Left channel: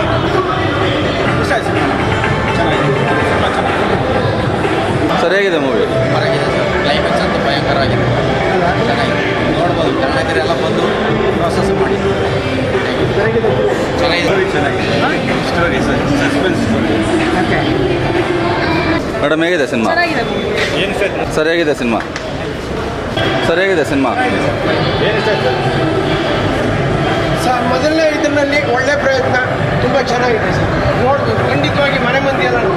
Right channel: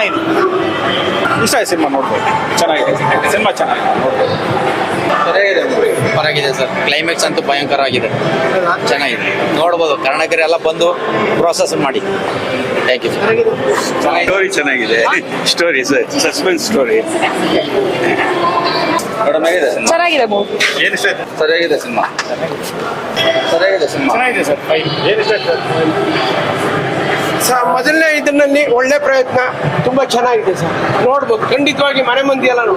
ಚೆನ್ನಾಗಿದೆ ಇಷ್ಟ ಆಯ್ತು ಸಿನಿಮಾ ನೋಡ್ಬೋದು ಚೆನ್ನಾಗಿದೆ ಸಿನಿಮಾ ಚೆನ್ನಾಗಿದೆ ಸರಿಯಾಗಿದೆ ಮೂವಿ ಪರವಾಗಿದೆ ಸರ್ ಕ್ಲೈಮ್ಯಾಕ್ಸ್ ಅಂತೂ ಭಯಂಕರ ಆಗಿದೆ ಚೆನ್ನಾಗಿದೆ ನೋಡ್ಬೋದು ಕನ್ನಡಿಗರೆಲ್ಲ ಬಂದು ಪ್ರೋಸೆಸ್ ಮಾಡಿ ಥ್ಯಾಂಕ್ ಯು ಸ್ಟೋರಿ ಚೆನ್ನಾಗಿದೆ ಸ್ಟೋರಿ ಸಸ್ಪೆನ್ಸ್ ಸ್ಟೋರಿ ಮೇಡಮ್ ಹೇಗಿದೆ ಸಿನಿಮಾ ಏನು ಆಯ್ತು ಸರಿಯಾಗಿದೆ ಸಿನಿಮಾ ಸರಿಯಾಗಿದೆ ಸಿನಿಮಾ ಸರ್ ಸರ್, ಮೊದಲನೇ ಇದರಲ್ಲಿ ಒಳ್ಳೆ ಪ್ರಯತ್ನ. ಚೆನ್ನಾಗಿದೆ ಸರ್. ನೋಡ್ಬೋದು ಖಂಡಿತವಾಗಿ ಮನೆ ಮಂದಿ ಎಲ್ಲರೂ.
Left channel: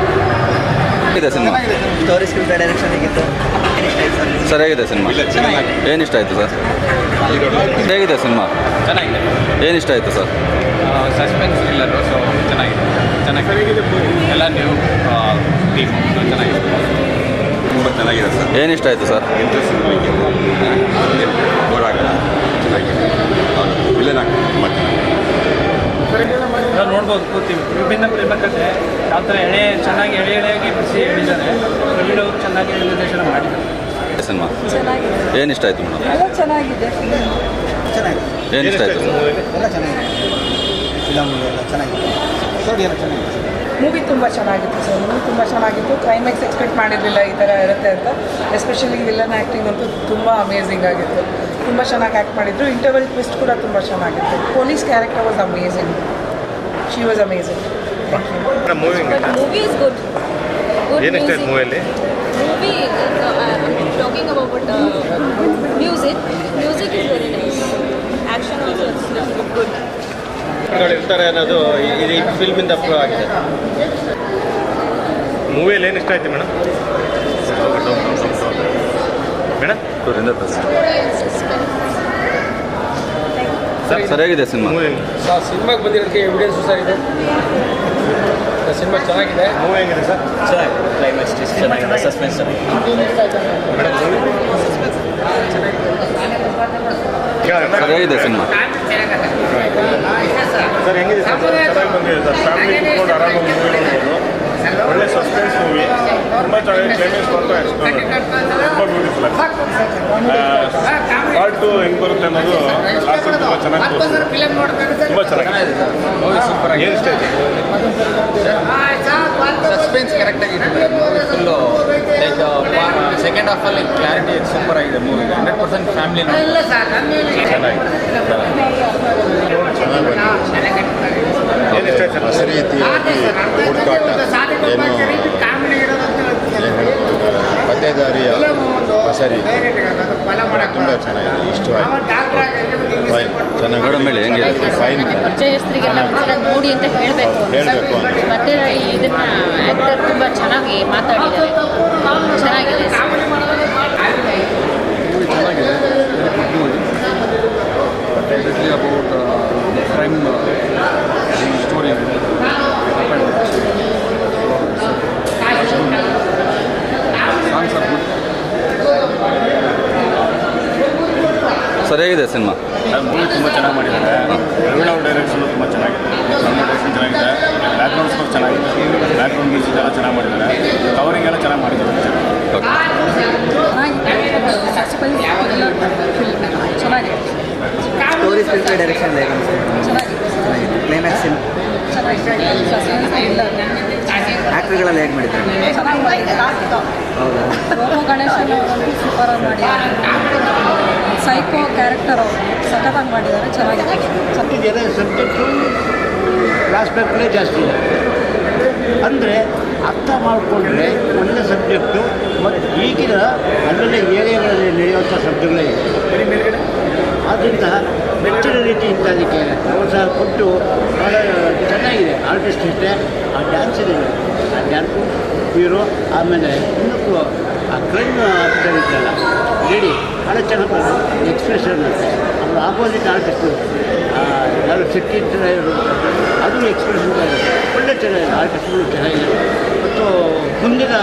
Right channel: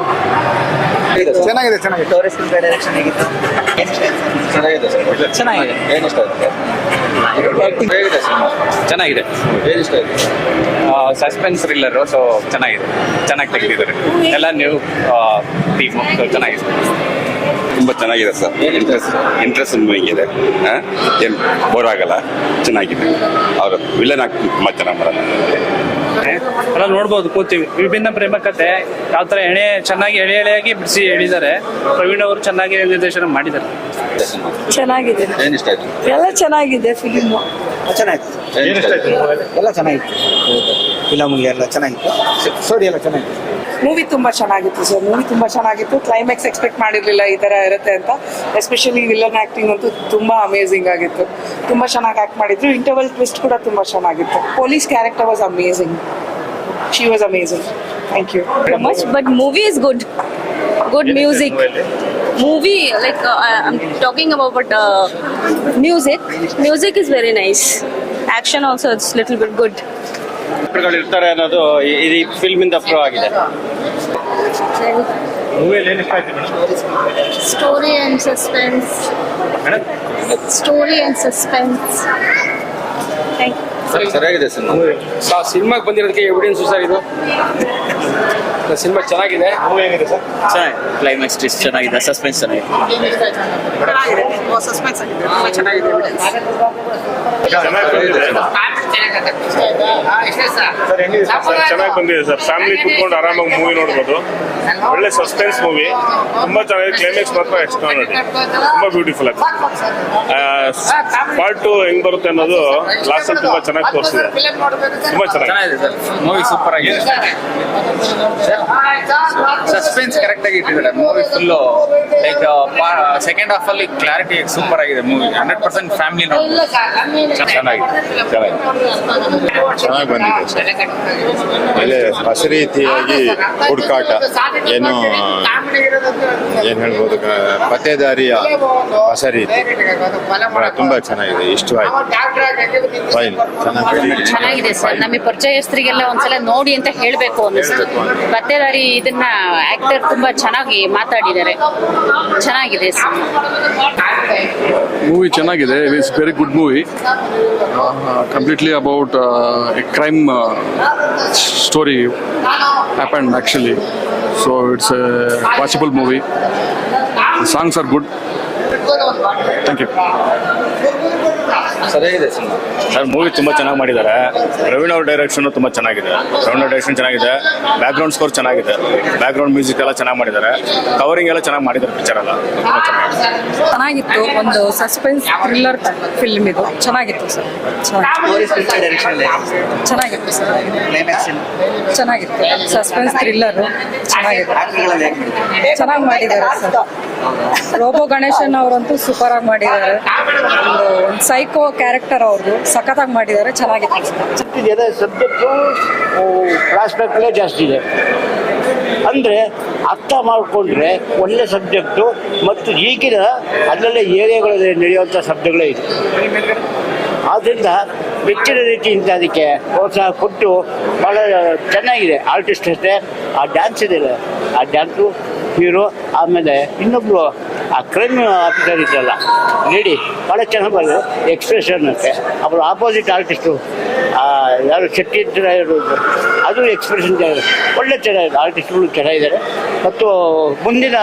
ಚೆನ್ನಾಗಿದೆ ಚೆನ್ನಾಗಿದೆ ಏನು ಇಷ್ಟ ಆಯ್ತು ಸರ್? ಹೇಗಿದೆ ಸಿನಿಮಾ? ಚೆನ್ನಾಗಿದೆ. ಏನು ಇಷ್ಟ ಆಯ್ತು ಸರ್? ಸಸ್ಪೆನ್ಸ್ ಥ್ರಿಲ್ಲರು ಸೊ ಚೆನ್ನಾಗಿದೆ. ಚೆನ್ನಾಗಿ ಕೇಳಿದ್ದಾರೆ ಎಲ್ಲ ನೀವು ಟೀಮ್ ಚೆನ್ನಾಗಿದೆ. ತುಂಬ ಚೆನ್ನಾಗಿದೆ ಸರ್. ಏನು ಇಷ್ಟ ಆಯ್ತು ಸರ್? ಇಂಟ್ರೆಸ್ಟಿಂಗ್ ಆಗಿದೆ ಏನು ಬೋರ್ ಆಗಲ್ಲ? ಚೆನ್ನಾಗಿದೆ. ಹೌದು. ವಿಲನ್ ಆಗಿ ನಾವು ನೋಡ್ಬೋದು ಕೂತೀವಿ. ವಿಭಿನ್ನ ಪ್ರೇಮ ಕಥೆ. ಯಾವ ಥರ ಎಳೆ ಚೆನ್ನಾಗಿ ಎಳೆ ಎಳೆಯಾಗಿ ಬಿಸಿ ಹೇಳಿದ್ದಾರೆ ಪ್ರವೀಣ್ ಅವರು ಚೆನ್ನಾಗಿ ನಿರ್ದೇಶನ ಮಾಡಿದ್ದಾರೆ. ಸಿನಿಮಾ? ಚೆನ್ನಾಗಿದೆ. ಏನು ಇಷ್ಟ ಆಯ್ತು ಎಲ್ಲ ಚೆನ್ನಾಗಿದೆ ಫಿಲ್ಮು ಎಲ್ಲ ಚೆನ್ನಾಗಿದೆ. ಎಲ್ಲ ಚೆನ್ನಾಗಿದೆ. ಸ್ಟೋರಿ ಎಲ್ಲ ಚೆನ್ನಾಗಿದೆ. ಮೂವಿ ತುಂಬಾ ಚೆನ್ನಾಗಿತ್ತು ಸರ್ ಮೂವಿ ತುಂಬಾ ಚೆನ್ನಾಗಿತ್ತು. ಕ್ಲೈಮ್ಯಾಕ್ಸ್ ಎಕ್ಸ್ಪೆಕ್ಟ್ ಮಾಡಿರಲಿಲ್ಲ ಈ ಥರ ಇರುತ್ತೆ ಅಂತ. ಎಸ್ಪೆಷಲಿ ವಿಲನ್ ಆ್ಯಕ್ಟಿಂಗ್ ಅಂತೂ ತುಂಬಾ ಅಮೇಝಿಂಗ್ ಆಗಿತ್ತು. ತುಂಬಾ ಚೆನ್ನಾಗಿ ಆ್ಯಕ್ಟ್ ಮಾಡಿದ್ರು. ಇಂಟರ್ವೆಲ್ ಟ್ವಿಸ್ಟ್ ಕೂಡ ತುಂಬಾ ಚೆನ್ನಾಗಿತ್ತು. Police character was amazing She was amazing thank you But movie is good. Good music. Movie, like uh, I'm talking about uh, music. Music is very nice. Action also it's little bit good. ಇರ್ತಾರೆ ಅನ್ನೋದು ಈ- ಈ ಫಿಲ್ಮಿಂದ prove ಆಗಿದೆ ಮೂವಿಯಲ್ಲಿ ಏನು ಇಷ್ಟ ಆಯ್ತು madam Story and suspense. Story and suspense. ಸರಿಯಾಗಿದೆ cinema. ಸಿನಿಮಾಗೆ ಬಂದಿರೋದಕ್ಕೆ ಎವಿಡೆನ್ಸ್ ಇದು. ಸಿನಿಮಾ ಚೆನ್ನಾಗಿದೆ. ಸರ್ ಕ್ಲೈಮ್ಯಾಕ್ಸ್ ಟಿಸ್ಟ್ ಚೆನ್ನಾಗಿದೆ ಸಸ್ಪೆನ್ಸ್ ಚೆನ್ನಾಗಿದೆ ಸರಿಯಾಗಿದೆ ಸಿನಿಮಾ. Sir sir? ಚೆನ್ನಾಗಿ ಬಂದಿದೆ ಸರ್. ಫ್ಯಾಮಿಲಿ ಕೂತ್ಕೊಂಡು ಆರಾಮಾಗಿ ಮೂವಿ ನೋಡ್ಬೋದು. ಒಳ್ಳೆ ಸಸ್ಪೆನ್ಸ್ ಮೂವಿ ತುಂಬ ಚೆನ್ನಾಗಿ ಕ್ಲೈಮ್ಯಾಕ್ಸ್ ಮಾತ್ರ ಎಕ್ಸ್ಪ್ಲೋರ್ ತುಂಬ ಬ್ಯೂಟಿಫುಲ್ ಪಾರ್ಟ್ ಟು ಹೆಂಗ್ ಬರುತ್ತೆ ಅನ್ನೋದು ಲಾಸ್ಟ್ ತುಂಬ ಚೆನ್ನಾಗಿ ತೋರಿಸಿದೆ ತುಂಬ ಚೆನ್ನಾಗಿದೆ. ಮೂವಿ ಸೂಪರ್ ಏನು ಸಸ್ಪೆನ್ಸ್ ಕರೆಕ್ಟಾಗಿ ಇಟ್ಟಿದ್ದಾರೆ. ಮೂವಿ ಫುಲ್ಲು ಲೈಕ್ ಸೆಕೆಂಡ್ ಹಾಫಲ್ಲಿ ಕ್ಲಾರಿಟಿ ಸೂಪರ್ ಆಗಿದೆ ಮೂವಿ ಹಂಡ್ರೆಡ್ ಪರ್ಸೆಂಟ್ ಫ್ಯಾಮಿಲಿ ಹೊಸ ರೀತಿಯಾಗಿ ಹುಡುಕಾಟ. ಏನು ಏನು ಹೇಳ್ಬೋದು ಪತ್ತೇದಾರಿಯ ಹೊಸ ರೀತಿ ತುಂಬ ಚೆನ್ನಾಗಿದೆ. ಇಷ್ಟವಾಯಿತು ಫೈನ್ ಚೆನ್ನಾಗಿದೆ ಸರ್. ನಮಗೆ ಪರಿಚಯಸ್ಥರಿಗೆಲ್ಲ ಒಂದ್ಸಲ ನೋಡಿ ಅಂತ ಹೇಳಬೇಕು ಹೇಳ್ಬೇಕು ಮತ್ತೆ ಇದನ್ನ ಆಕ್ಟರ್ ತುಂಬಾ ಚೆನ್ನಾಗಿ ಮಾತಾಡಿದ್ದಾರೆ. ಚೆನ್ನಾಗಿದೆ ಸರ್. ಮೂವಿ ಚೆನ್ನಾಗಿದೆ. It is very good movie completely about a crime story happen actually so it's a watchable movie songs are good thank you ಸರಿಯಾಗಿದೆ ಸಿನಿಮಾ. ಮೂವಿ ತುಂಬ ಚೆನ್ನಾಗಿ ಮಾಡಿದ್ದಾರೆ. ರವೀಣ ಅವ್ರ ಡೈರೆಕ್ಷನ್ ತುಂಬ ಚೆನ್ನಾಗಿದೆ. ರವೀಣ ಡೈರೆಕ್ಷನ್ ಚೆನ್ನಾಗಿದೆ ಬ್ಯಾಕ್ಗ್ರೌಂಡ್ ಸ್ಕೋರ್ ಚೆನ್ನಾಗಿದೆ. ಬ್ಯಾಕ್ಗ್ರೌಂಡ್ ಮ್ಯೂಸಿಕ್ ಎಲ್ಲ ಚೆನ್ನಾಗಿ ಮಾಡಿದ್ದಾರೆ. ಕವರಿಂಗ್ ಎಲ್ಲ ಚೆನ್ನಾಗಿ ಮಾಡಿದ್ದಾರೆ ಪಿಕ್ಚರ್ ಎಲ್ಲ. ಚೆನ್ನಾಗಿತ್ತು. ಒಂದು ಸಸ್ಪೆನ್ಸ್ ಥ್ರಿಲ್ಲರ್ ಫಿಲ್ಮ್ ಇದು. ಚೆನ್ನಾಗಿತ್ತು ಸರ್. ಚೆನ್ನಾಗಿತ್ತು ಸರ್. ಸಸ್ಪೆನ್ಸ್ ಥ್ರಿಲ್ಲರ್ ಚೆನ್ನಾಗಿದೆ ಚೆನ್ನಾಗಿ ಮಾಡಿದ್ದಾರೆ ಸರ್. ಗಣೇಶನ್ ಸೈಕೋ ಕ್ಯಾರೆಕ್ಟರ್ ಅವರು ಸಖತ್ತಾಗಿ ಮಾಡಿದ್ದಾರೆ. ಚೆನ್ನಾಗಿದೆ ಸರ್. ಕ್ಲಾಸ್ ಜಾಸ್ತಿ ಇದೆ. ಅಂದರೆ ಅರ್ಥ ಮಾಡಿಕೊಂಡ್ರೆ ಒಳ್ಳೆ ಸಬ್ಜೆಕ್ಟು ಮತ್ತು ಈಗಿನ ಅದರಲ್ಲಿ ಏರಿಯಾಗಳಲ್ಲಿ ನಡೆಯುವಂಥ ಸಬ್ಜೆಕ್ಟ್ಗಳೇ ಇದೆ ಆದ್ದರಿಂದ ಹೆಚ್ಚಿನ ರೀತಿಯಿಂದ ಅದಕ್ಕೆ ಪ್ರೋತ್ಸಾಹ ಕೊಟ್ಟು ಭಾಳ ಚೆನ್ನಾಗಿದೆ. ಆರ್ಟಿಸ್ಟ್ ಜೊತೆ ಆ ಡ್ಯಾನ್ಸ್ ಇದೆ. ಆ ಡ್ಯಾನ್ಸು ಹೀರೋ ಆಮೇಲೆ ಇನ್ನೊಂದು, ಆ ಕ್ರೈಮ್ ಆಫೀಸರ್ ಇದೆಯಲ್ಲ ಹೇಳಿ ಭಾಳ ಚೆನ್ನಾಗಿ ಎಕ್ಸ್ಪ್ರೆಷನ್ ಎಕ್ಸ್ಪ್ರೆಷನ್ ಅವರ ಆಪೋಸಿಟ್ ಆರ್ಟಿಸ್ಟು ಯಾರು ಶಕ್ತಿ ಇವರು ಅದು ಎಕ್ಸ್ಪ್ರೆಷನ್ ಒಳ್ಳೆ ಚೆನ್ನಾಗಿದೆ ಆರ್ಟಿಸ್ಟ್ಗಳು ಚೆನ್ನಾಗಿದ್ದಾರೆ ಮತ್ತು ಮುಂದಿನ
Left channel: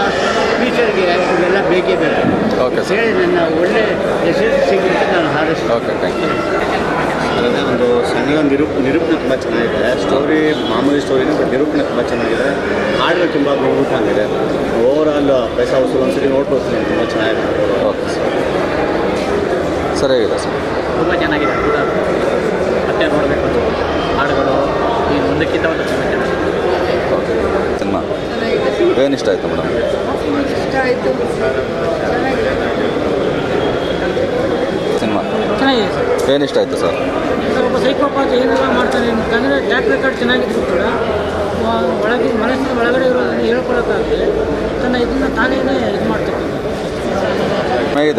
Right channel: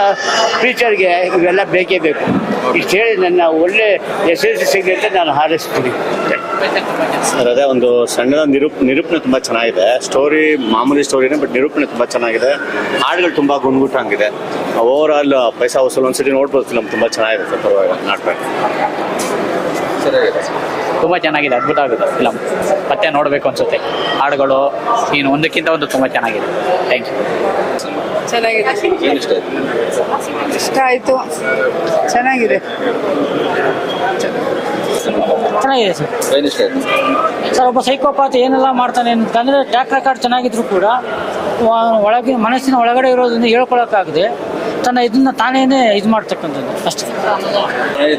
ಫ್ಯೂಚರ್ಗೆ ಇವೆಲ್ಲ ಬೇಕೇ ಬೇಕು. ಇಷ್ಟು ಹೇಳಿ ನನ್ನ ಒಳ್ಳೆ ಯಶಸ್ವಿ ಸಿಗುತ್ತೆ ನಾನು ಹಾರೈಸ್ತೀನಿ. ಸರ್ ಅದೇ ಒಂದು ಸಣ್ಣ ನಿರೂಪ ನಿರೂಪಣೆ ತುಂಬ ಚೆನ್ನಾಗಿದೆ. ಸ್ಟೋರಿ ಮಾಮೂಲಿ ಸ್ಟೋರಿ ಬಟ್ ನಿರೂಪಣೆ ತುಂಬ ಚೆನ್ನಾಗಿದೆ. ಹಾಡುಗಳು ತುಂಬ ಗುಣಮುಖ ಆಗಿದೆ. ಓವರ್ ಆಲ್ ಪೈಸಾ ಒಂದು ಒಂದ್ಸರಿ ನೋಡ್ಬೋದು ಫಿಲಮ್ ತುಂಬ ಚೆನ್ನಾಗಿರುತ್ತೆ ನಾಟಕ ಸರಿ. ತುಂಬ ಚೆನ್ನಾಗಿದೆ ಅದ್ಭುತ ಆಗುತ್ತೆ ನೋಡಬೇಕು ಅನ್ಸುತ್ತೆ. ಹಾಡುಗಳು ಏನು ಒಂದಕ್ಕಿಂತ ಒಂದು ತುಂಬ ಚೆನ್ನಾಗಿದೆ ಥ್ಯಾಂಕ್ ಯು ಸಿನಿಮಾ? ಚೆನ್ನಾಗಿದೆ. ಇಷ್ಟ ಆಯ್ತು ಇಷ್ಟ ಆಯಿತು. ಚೆನ್ನಾಗಿದೆ. ಸ್ವಲ್ಪ ಸೈಕೋಪಾತ್ ಏನೆಲ್ಲ ಮಾಡ್ತಾರೆ ಅಂತಂದರೆ ಟ್ರ್ಯಾಕ್ ರೆಕಾರ್ಡ್ ಚೆನ್ನಾಗಿದ್ರು ಕೂಡ ಆ, ಒಳಗೆ ಮನಸ್ಸಿನ ಒಳಗಡೆ ಇರೋದ್ರಿಂದ ಹೇಳ್ಕೊಳಕ್ಕಾಗದೆ ತನ್ನ ಇದನ್ನ ತಾನೇನೆ ಇದು ಮಾಡ್ತಕ್ಕಂಥದ್ದು.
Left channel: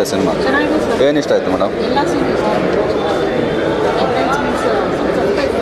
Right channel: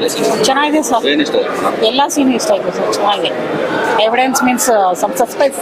ಸಿನಿಮಾ? ಚೆನ್ನಾಗಿದೆ ಸರ್. ಎಲ್ಲ ಸೀನ್ ಇಷ್ಟ ಚೆನ್ನಾಗಿದೆ. Evidence means some subscribe